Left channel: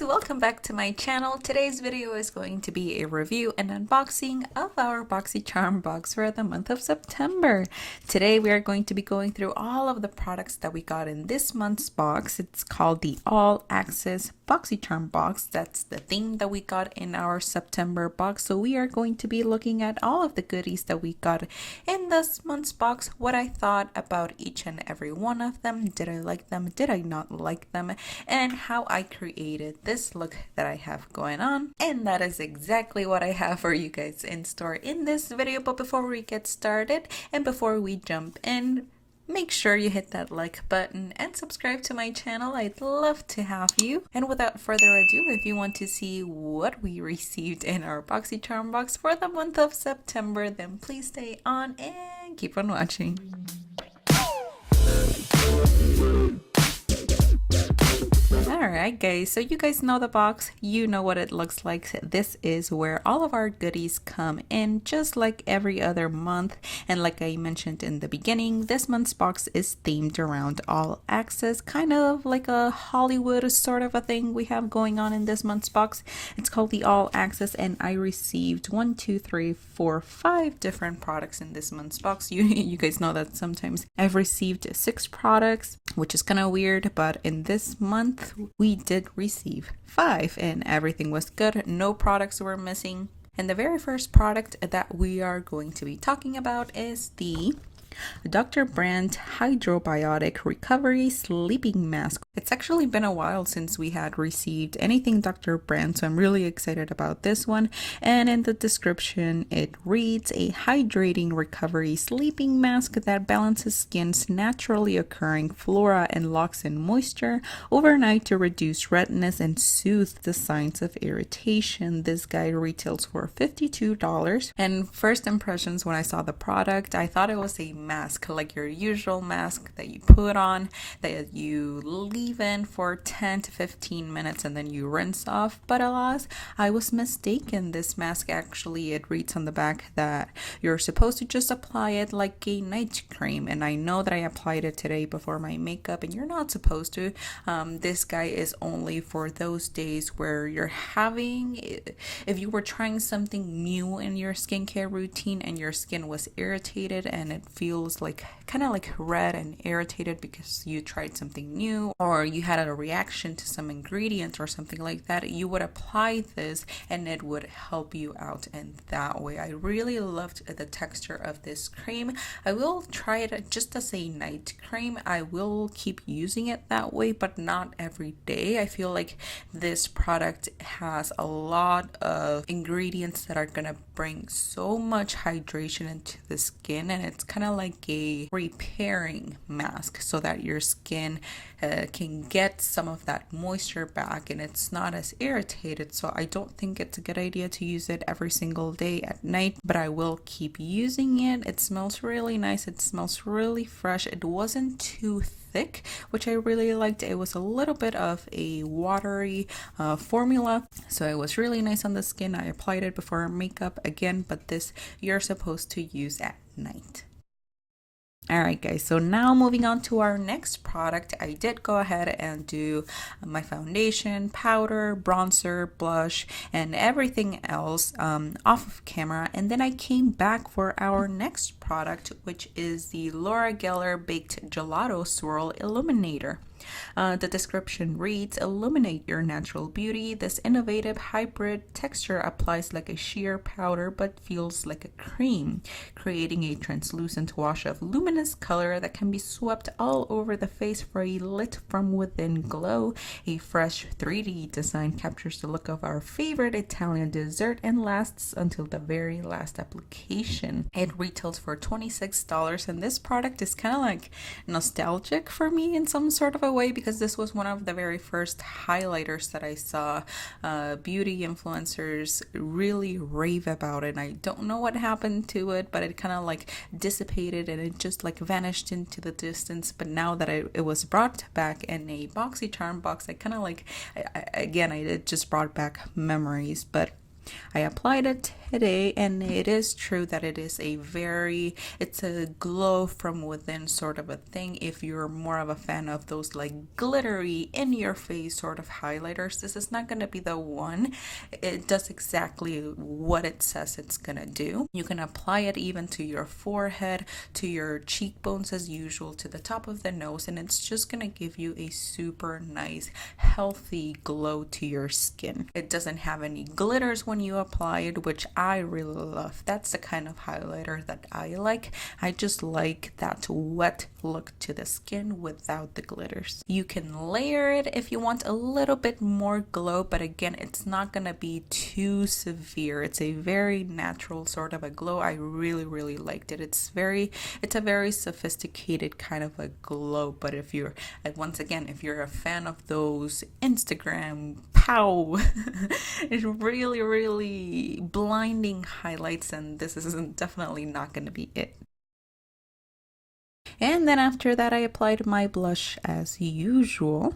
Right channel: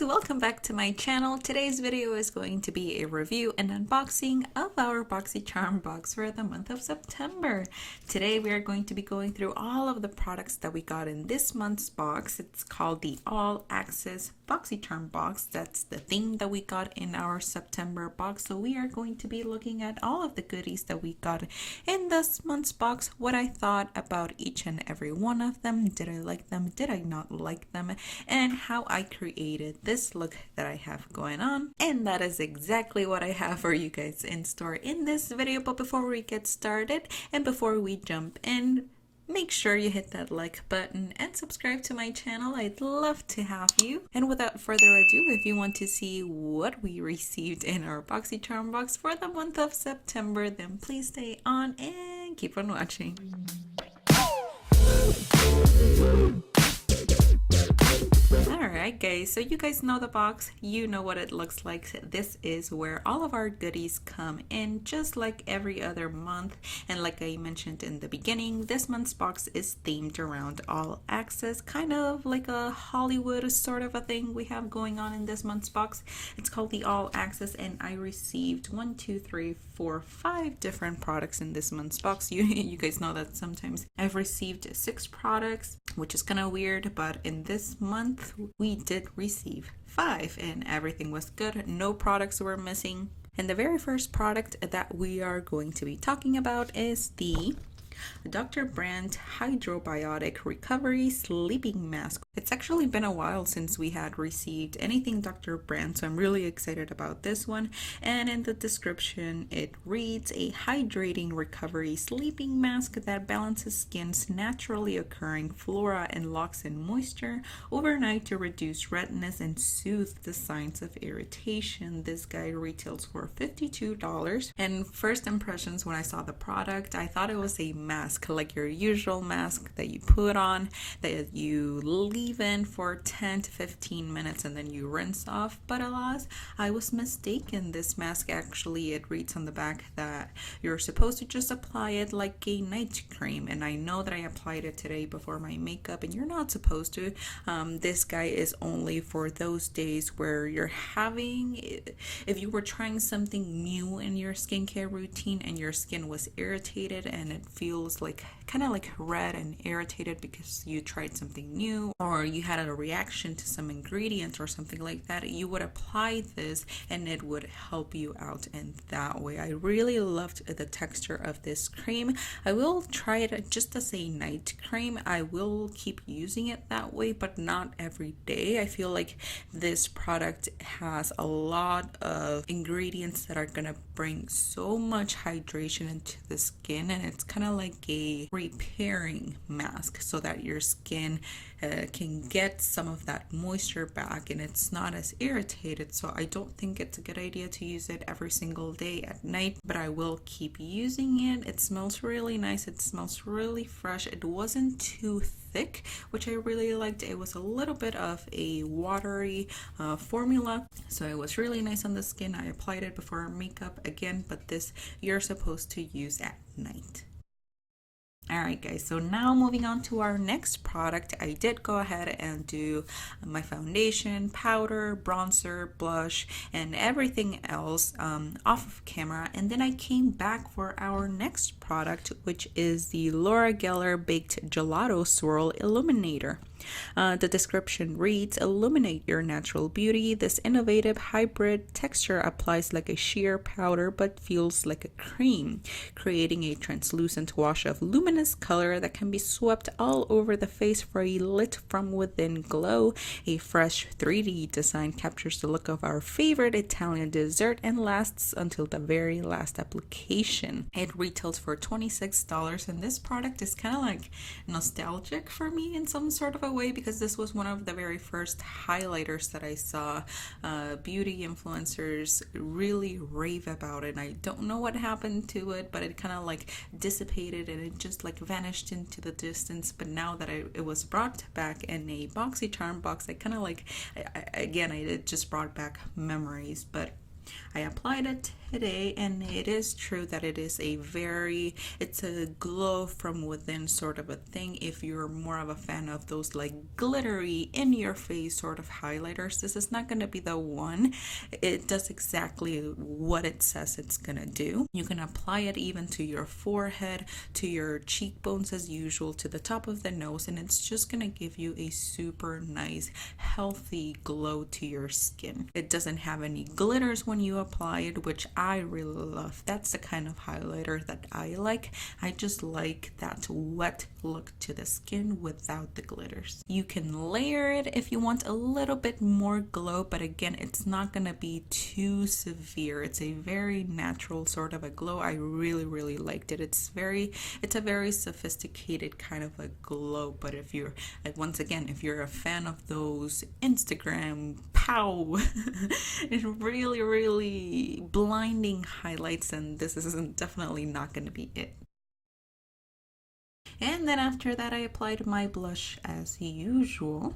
guys, welcome back to my channel. Today's video is going to be a review and unboxing of our Boxycharm box for the month of September. Today we are going to be going through all of the products that we got in this month's box. It's called the All Access Boxycharm box. That's the theme that we got in our September box. So we are going to be looking at all of the goodies that we got in this month's box, what I thought about each and every one of them. Did I like them? Did I not like them? And how I created this look that I have going on. And that is exactly what I have for you guys in store in this video. But before we get started and before we jump in, make sure you hit that like button and subscribe to my channel. I'd love to have you. And without further ado, if you want to see what we received in our Boxycharm box for the month of September, then please stay on and keep on watching. Alright guys, so you guys know the box, you know what it looks like. This is where all of our goodies come in, just like every other month. And like I mentioned in the beginning, this month's box is themed around all access, kind of like a Hollywood sort of a thing we have going on in this month's box. It's called the All Access, and I received 5 different products in this month's box. You guys know that sometimes I've received 6 products, which is kind of weird, but in this month we did receive 5 and everything was good. No products were missing. And the very first product that we are going to be talking about is the Dr. Brandt Biotic Recovery Sleeping Mask. It's actually been a while since we had received anything Dr. Brandt, so I'm really excited about this one. And in the description it reads, a hydrating recovery sleeping mask that balances skin's naturally occurring flora and locks in moisture overnight to reduce redness and soothe the signs of irritation. This guy retails for $52. And first impressions when I saw the product, I thought it was a mask, like your usual mask that you put on, that you leave in for 10 to 15 minutes and then you rinse off. But alas, I was mistaken. This mask, actually, it reads on the back that you're supposed to just apply it like a night cream, and I know that I applied it today before my makeup, and you're not supposed to. This guy is only for those days where you're having, if you were trying something new in your skincare routine and your skin was irritated and it feels like kind of like red and irritated because you tried something new or you had a reaction to some ingredient or something like that, you would apply this and it would help you out in that way. I really loved the texture of this cream. I will try it just as a night cream. I will keep using it that way, but not every day. I feel like this product has a lot of ingredients that are gonna bring so much hydration into the skin, and it's kind of like a repairing mask so that your skin can get some of that moisture back and it's not as irritated. So I don't think it's a good idea to use it every single day at night, but I will keep using it. It smells really nice. It smells really fresh. It wasn't too thick, which I really liked. It was a little bit of a watery formula, so it was really nice on the skin. I applied it before makeup again, but this you're supposed to use at night. Alright guys, so now moving on to our next product, I did go ahead and do my foundation, powder, bronzer, blush, and everything else off of camera, and then I came back for our next product, which is the Laura Geller Baked Gelato Swirl Illuminator. The description reads, illuminate your natural beauty. This innovative hybrid texture applies like a sheer powder but feels like a cream, creating a translucent wash of luminous color that can be swept all over the face for a lit from within glow. A fresh 3D design captures the look of our favorite Italian dessert and lasts until the very last application. It retails for $26, and this product is kind of like nostalgic for me in some sort of a way, because this was one of the very first highlighters that I saw beauty influencers really rave about it. I don't know what happened to it, but it kind of like dissipated and it just like vanished into the distance. But now that it was brought back in a Boxycharm box, I kind of like, again, it just brought back memories. But I applied it today, and it is true that it's a glow from within sort of a thing. If you're more of a fan of those like glittery in your face sort of highlighters, this is not going to be the one. It does exactly what it says it's gonna do. You can apply it even to your forehead, to your cheekbones as usual, to the top of the nose, and it's just gonna give you a super nice healthy glow to your skin. It doesn't have any glitters when you apply it, which I really love. That's the kind of highlighter that I like. I just like that wet look to the skin without the glitters. You can layer it if you want a little bit more glow, but again, it's not gonna be too severe. It's a very natural sort of a glow. I really liked it. It's a very sophisticated kind of a glow, but if you're once again, if you're a fan of those Instagram pow it's really blinding highlights, and this is definitely not going to be it. And then after that, I applied my blush as usual.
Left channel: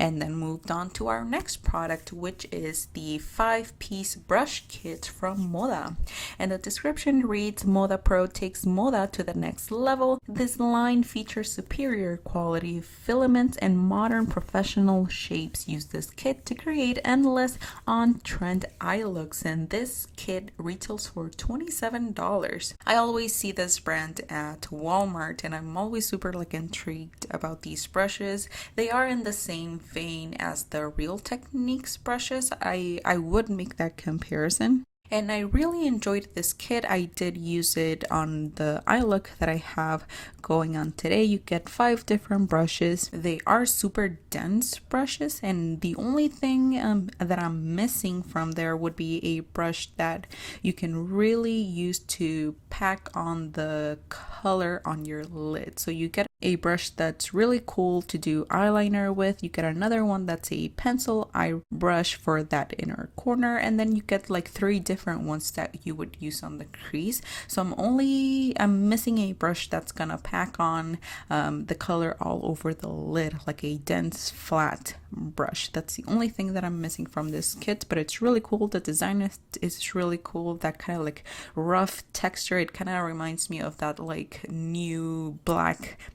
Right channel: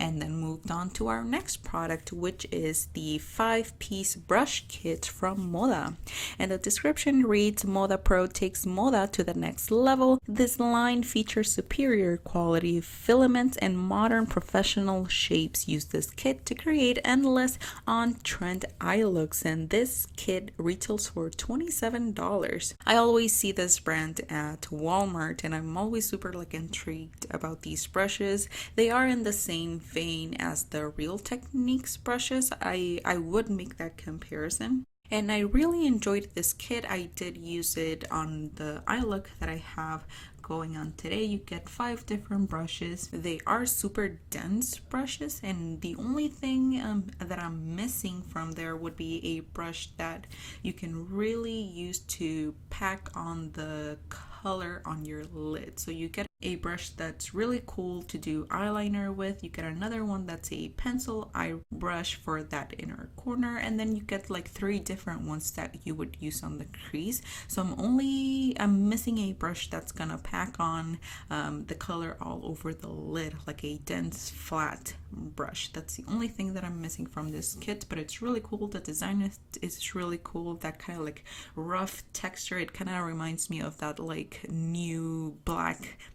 And then moved on to our next product, which is the 5-piece brush kit from MODA. And the description reads, MODA Pro takes MODA to the next level. This line features superior quality filaments and modern professional shapes. Use this kit to create endless on-trend eye looks, and this kit retails for $27. I always see this brand at Walmart, and I'm always super intrigued about these brushes. They are in the same vein as the Real Techniques brushes. I would make that comparison. And I really enjoyed this kit. I did use it on the eye look that I have going on today. You get 5 different brushes. They are super dense brushes, and the only thing that I'm missing from there would be a brush that you can really use to pack on the color on your lid. So you get a brush that's really cool to do eyeliner with. You get another one that's a pencil eye brush for that inner corner, and then you get like 3 different ones that you would use on the crease. So I'm missing a brush that's gonna pack on the color all over the lid, like a dense flat brush. That's the only thing that I'm missing from this kit, but it's really cool. The design is really cool. That kind of like rough texture, it kind of reminds me of that like new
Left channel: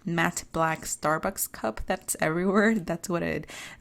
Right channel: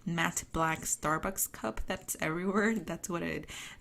matte black Starbucks cup that's everywhere. That's what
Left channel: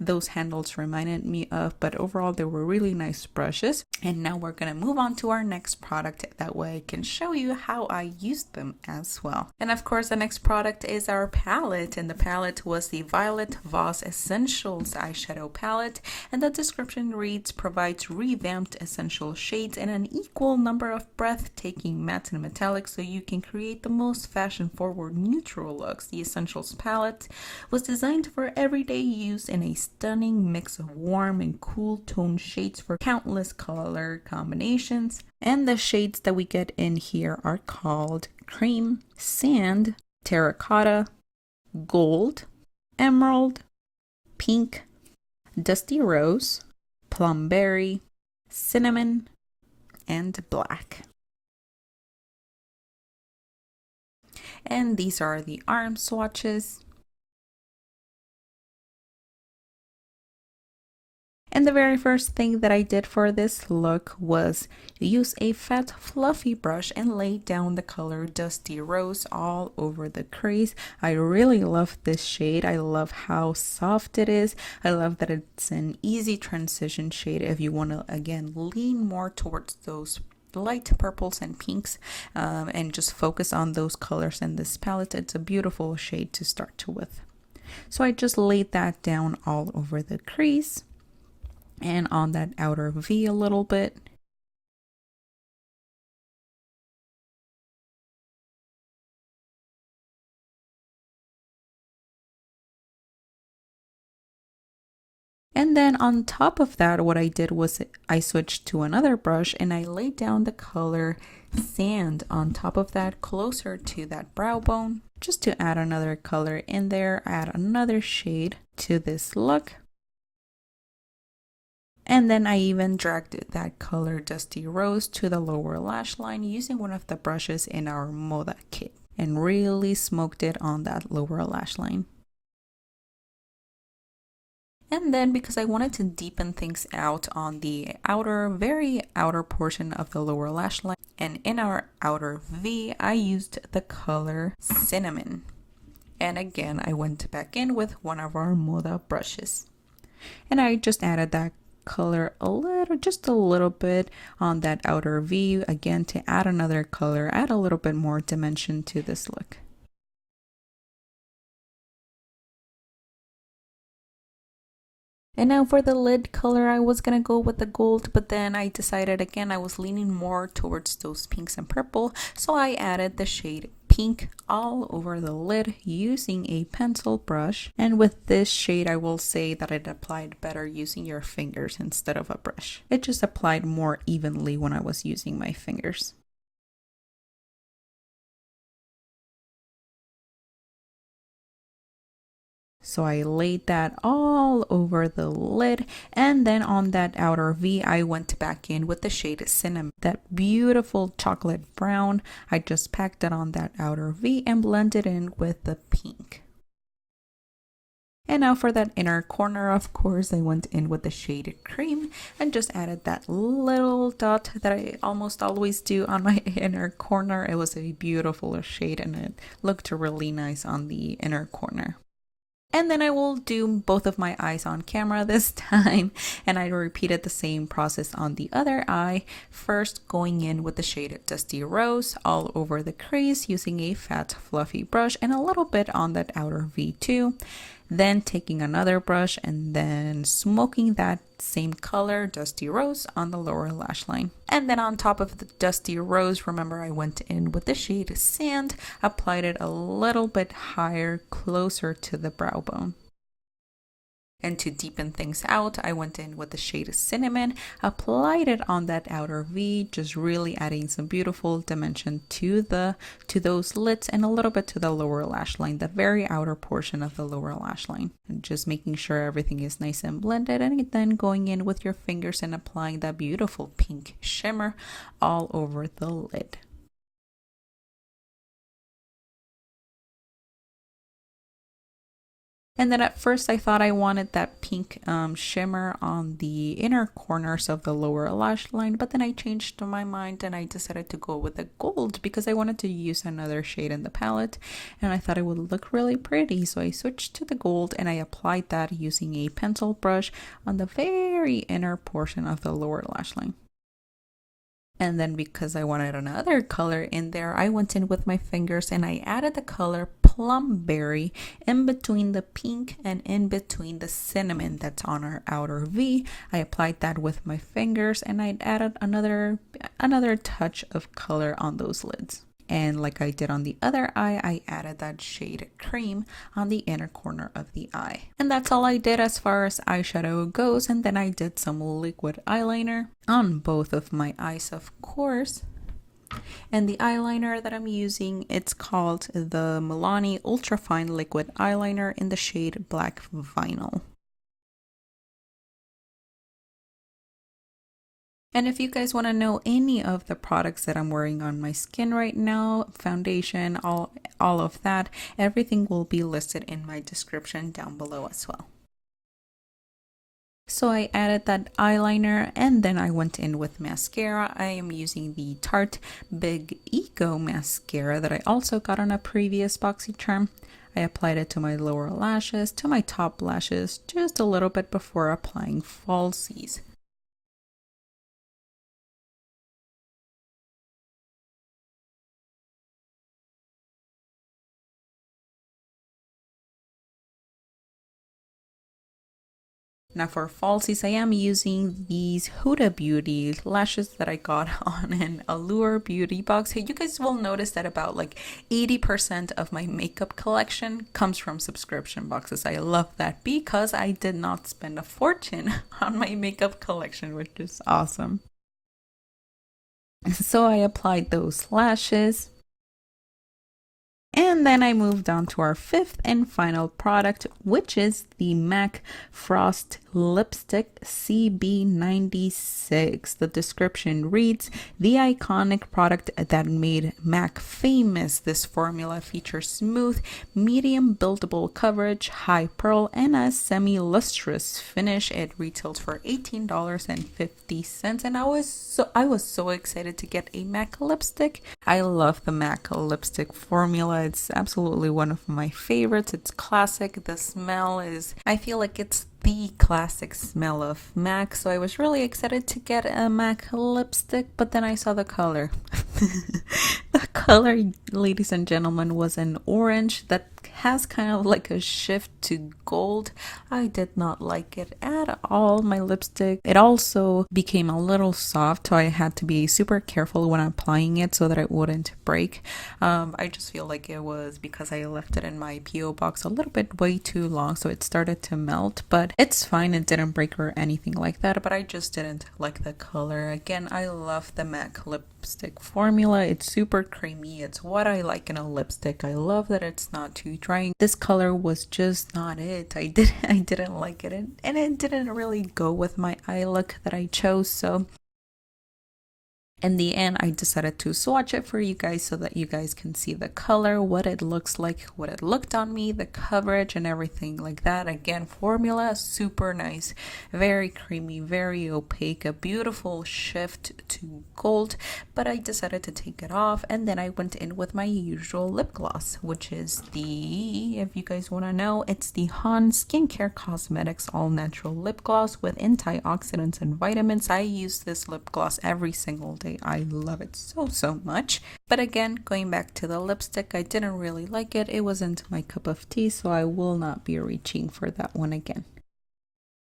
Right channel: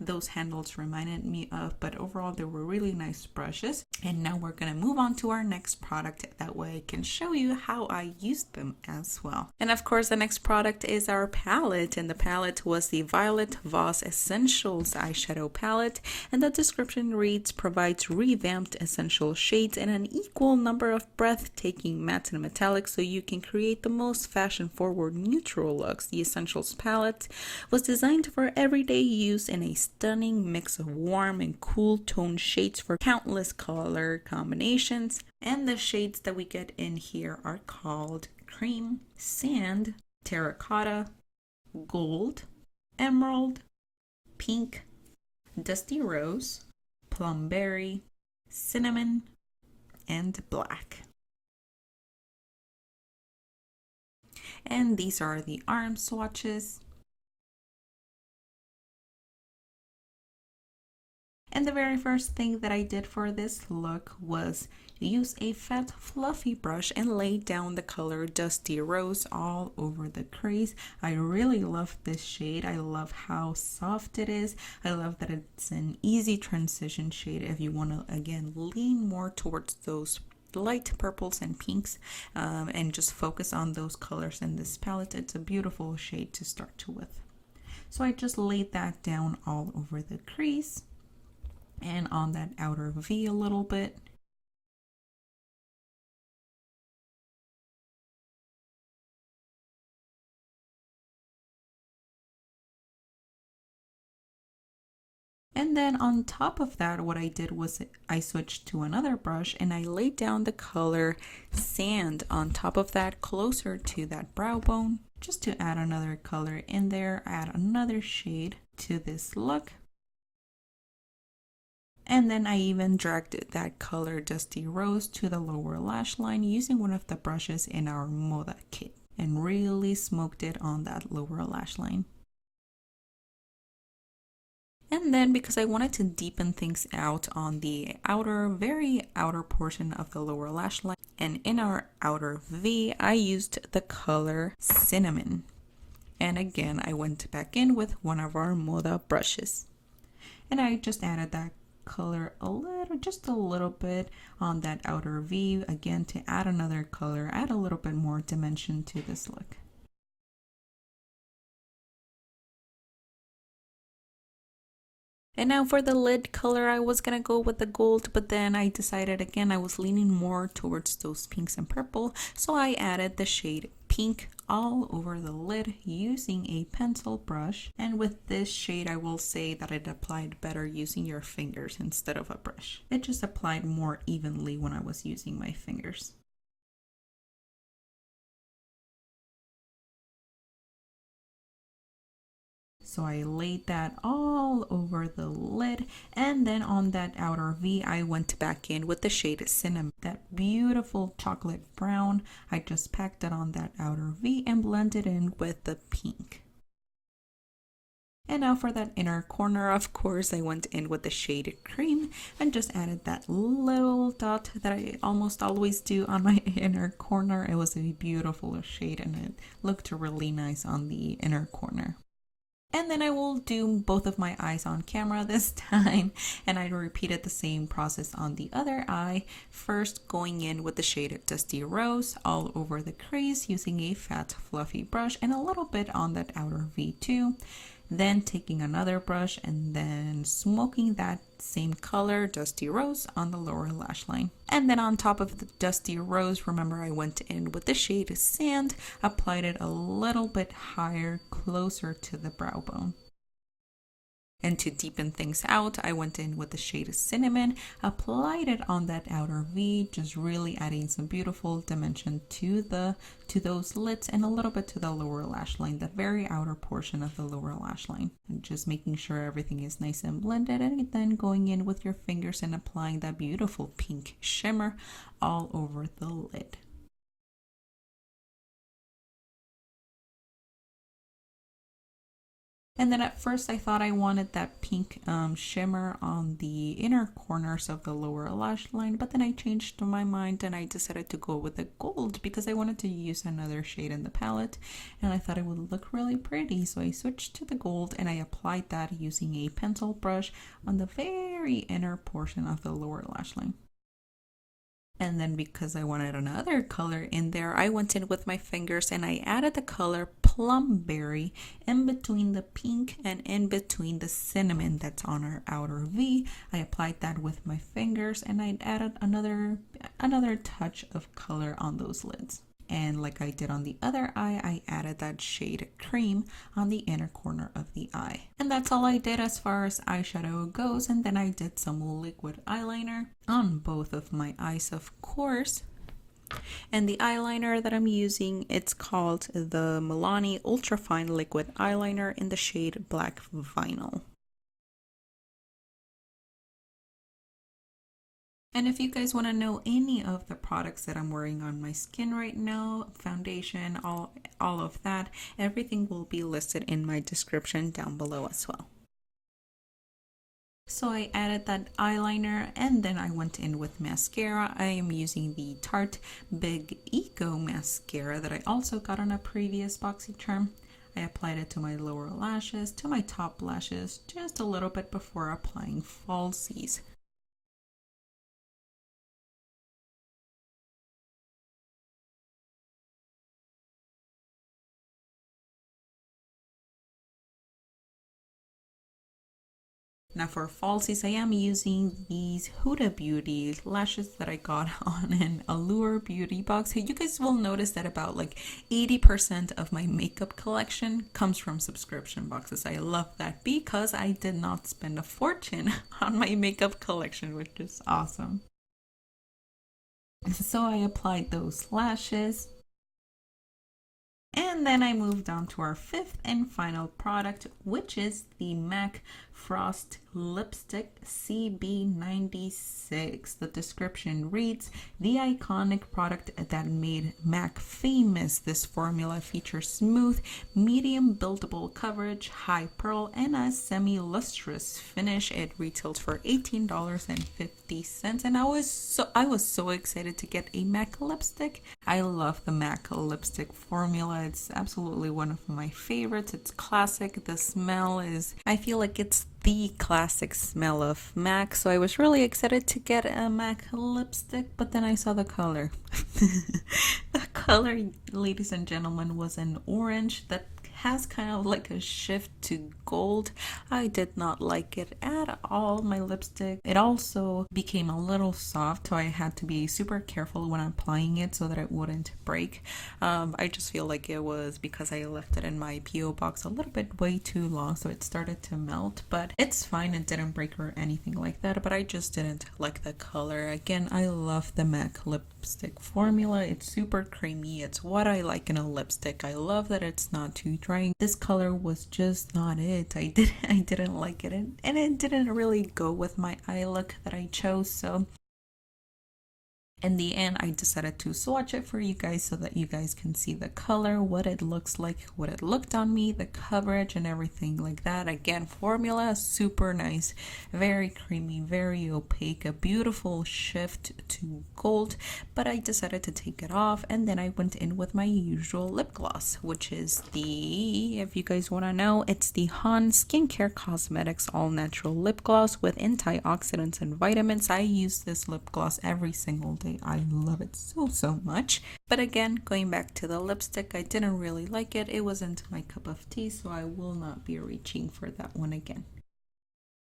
those handles reminded me of. But overall, they were really nice brushes. And now we're gonna move on to our next product. That way I can show you how I used them as well. And of course, the next product is our palette, and the palette was the Violet Voss Essentials eyeshadow palette, and the description reads, provides revamped essential shades in an equal number of breathtaking mattes and metallics so you can create the most fashion-forward neutral looks. The Essentials palette was designed for everyday use in a stunning mix of warm and cool tone shades for countless color combinations, and the shades that we get in here are called Cream, Sand, Terracotta, Gold, Emerald, Pink, Dusty Rose, Plumberry, Cinnamon, and Black. And these are the arm swatches. And the very first thing that I did for this look was use a fat fluffy brush and lay down the color Dusty Rose all over the crease. I really love this shade. I love how soft it is. I love that it's an easy transition shade if you want to, again, lean more towards those light purples and pinks and just focus on those colors in this palette. It's a beautiful shade to start with. So I just laid that down all over the crease and on that outer V a little bit. And then on top of that, what I did was I switched to another brush and I laid down the color Sand on top of that, closer to that brow bone, just to add another color in there, add another shade to this look. And then I even dragged that color Dusty Rose to the lower lash line using one of the brushes in our MODA kit and really smoked it on that lower lash line. And then because I wanted to deepen things out on the outer, very outer portion of the lower lash line, and in our outer V, I used the color Cinnamon. And again, I went back in with one of our MODA brushes. And I just added that color just a little bit on that outer V, again to add another color, add a little bit more dimension to this look. And now for the lid color, I was gonna go with the gold, but then I decided again I was leaning more towards those pinks and purple, so I added the shade pink all over the lid using a pencil brush. And with this shade, I will say that it applied better using your fingers instead of a brush. It just applied more evenly when I was using my fingers. So I laid that all over the lid, and then on that outer V, I went back in with the shade Cinnamon, that beautiful chocolate brown. I just packed it on that outer V and blended in with the pink. And now for that inner corner, of course, I went in with the shade Cream and just added that little dot that I almost always do on my inner corner. It was a beautiful shade and it looked really nice on the inner corner. And then I will do both of my eyes on camera this time, and I repeated the same process on the other eye, first going in with the shade Dusty Rose all over the crease using a fat fluffy brush and a little bit on that outer V2, then taking another brush and then smoking that same color, Dusty Rose, on the lower lash line. And then on top of the Dusty Rose, remember I went in with the shade Sand, applied it a little bit higher, closer to the brow bone. And to deepen things out, I went in with the shade Cinnamon, applied it on that outer V, just really adding some beautiful dimension to those lids and a little bit to the lower lash line, the very outer portion of the lower lash line. And just making sure everything is nice and blended, and then going in with your fingers and applying that beautiful pink shimmer all over the lid. And then at first I thought I wanted that pink shimmer on the inner corners of the lower lash line, but then I changed my mind and I decided to go with the gold because I wanted to use another shade in the palette and I thought it would look really pretty. So I switched to the gold and I applied that using a pencil brush on the very inner portion of the lower lash line. And then because I wanted another color in there, I went in with my fingers and I added the color Plum Berry in between the pink and in between the cinnamon that's on our outer V. I applied that with my fingers and I added another touch of color on those lids. And like I did on the other eye, I added that shade Cream on the inner corner of the eye. And that's all I did as far as eyeshadow goes. And then I did some liquid eyeliner on both of my eyes, of course. And the eyeliner that I'm using, it's called the Milani Ultra Fine Liquid Eyeliner in the shade Black Vinyl. And if you guys want to know any of the products that I'm wearing on my skin right now, foundation, all of that, everything will be listed in my description down below as well. So I added that eyeliner and then I went in with mascara. I am using the Tarte Big Ego Mascara that I also got on a previous Boxycharm. I applied it to my lower lashes, to my top lashes, just a little bit before applying falsies. Now for falsies, I am using these Huda Beauty lashes that I got on an Allure beauty box. You guys will notice that about like 80% of my makeup collection comes from subscription boxes. I love that because I did not spend a fortune on my makeup collection, which is awesome. So I applied those lashes. And then I moved on to our fifth and final product, which is the MAC Frost lipstick CB96. The description reads, the iconic product that made MAC famous. This formula features smooth, medium buildable coverage, high pearl, and a semi-lustrous finish. It retails for $18.50, and I was so excited to get a MAC lipstick. I love the MAC lipstick formula. It's absolutely one of my favorites. It's classic. The smell is, I feel like it's the classic smell of MAC, so I was really excited to get a MAC lipstick, but then I saw the color. The color, ladies and gentlemen, was an orange that has kind of like a shift to gold. I did not like it at all. My lipstick, it also became a little soft, so I had to be super careful when applying it so that it wouldn't break. I just feel like it was because I left it in my PO box a little bit way too long, so it started to melt, but it's fine. It didn't break or anything like that, but I just didn't like the color. Again, I love the MAC lipstick formula. It's super creamy. It's what I like in a lipstick. I love that it's not too drying. This color was just not it. I didn't like it, and it didn't really go with my eye look that I chose. So in the end, I decided to swatch it for you guys so that you guys can see the color, what it looks like, what it looked on me, the coverage and everything like that. Again, formula super nice, very creamy, very opaque, a beautiful shift to gold, but I decided to take it off, and then I went in with my usual lip gloss, which is the, if you guys want to know, it's the Han Skincare Cosmetics All Natural Lip Gloss with antioxidants and vitamins. I use this lip gloss every single day. I love it so much. But again, going back to the lipstick, I didn't really like it. It wasn't my cup of tea, so I will not be reaching for that one again.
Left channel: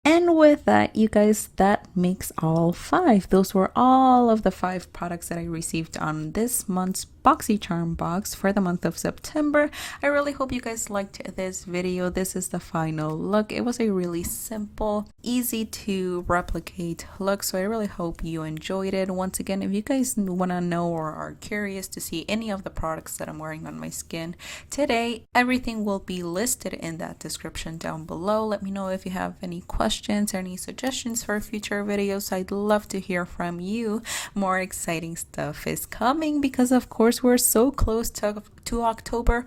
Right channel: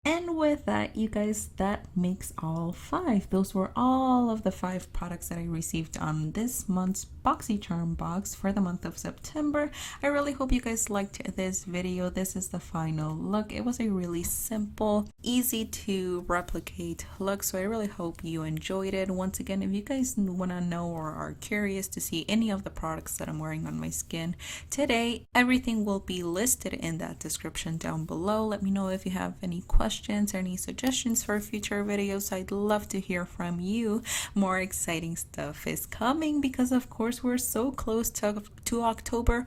And with that, you guys, that makes all 5. Those were all of the 5 products that I received on this month's Boxycharm box for the month of September. I really hope you guys liked this video. This is the final look. It was a really simple, easy to replicate look, so I really hope you enjoyed it. Once again, if you guys want to know or are curious to see any of the products that I'm wearing on my skin today, everything will be listed in that description down below. Let me know if you have any questions or any suggestions for future videos. I'd love to hear from you. More exciting stuff is coming because, of course, we're so close to October.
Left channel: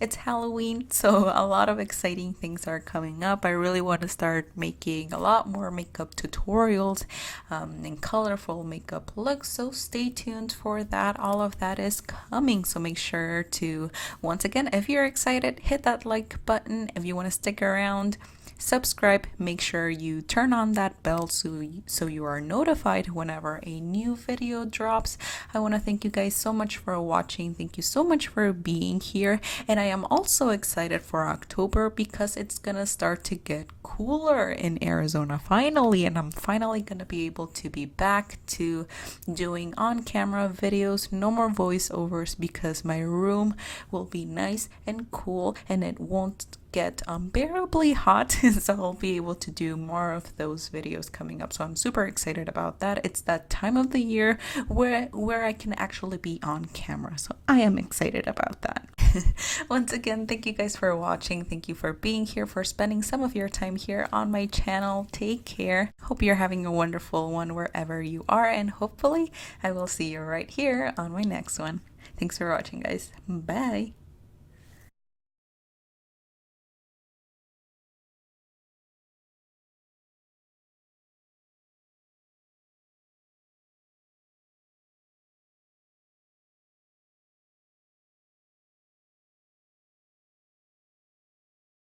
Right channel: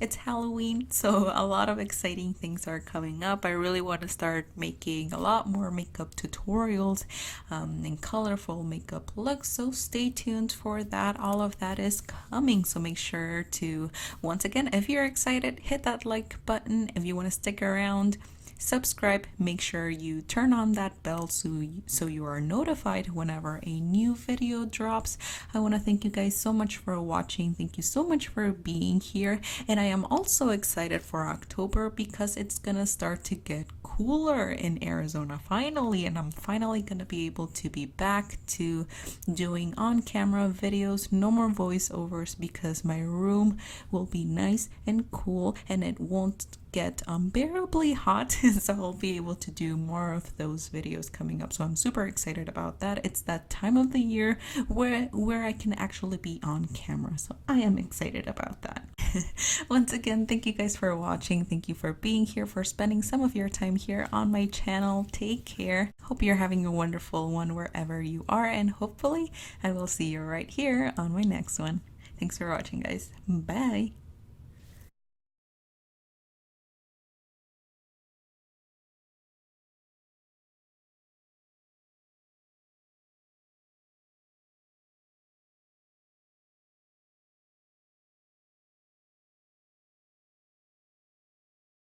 It's Halloween, so a lot of exciting things are coming up. I really want to start making a lot more makeup tutorials and colorful makeup looks, so stay tuned for that. All of that is coming, so make sure to, once again, if you're excited, hit that like button. If you want to stick around, subscribe. Make sure you turn on that bell so you are notified whenever a new video drops. I want to thank you guys so much for watching. Thank you so much for being here, and I am also excited for October because it's gonna start to get cooler in Arizona finally, and I'm finally gonna be able to be back to doing on-camera videos. No more voiceovers because my room will be nice and cool and it won't get unbearably hot, so I'll be able to do more of those videos coming up. So I'm super excited about that. It's that time of the year where I can actually be on camera, so I am excited about that. Once again, thank you guys for watching. Thank you for being here, for spending some of your time here on my channel. Take care. Hope you're having a wonderful one wherever you are, and hopefully I will see you right here on my next one. Thanks for watching, guys. Bye.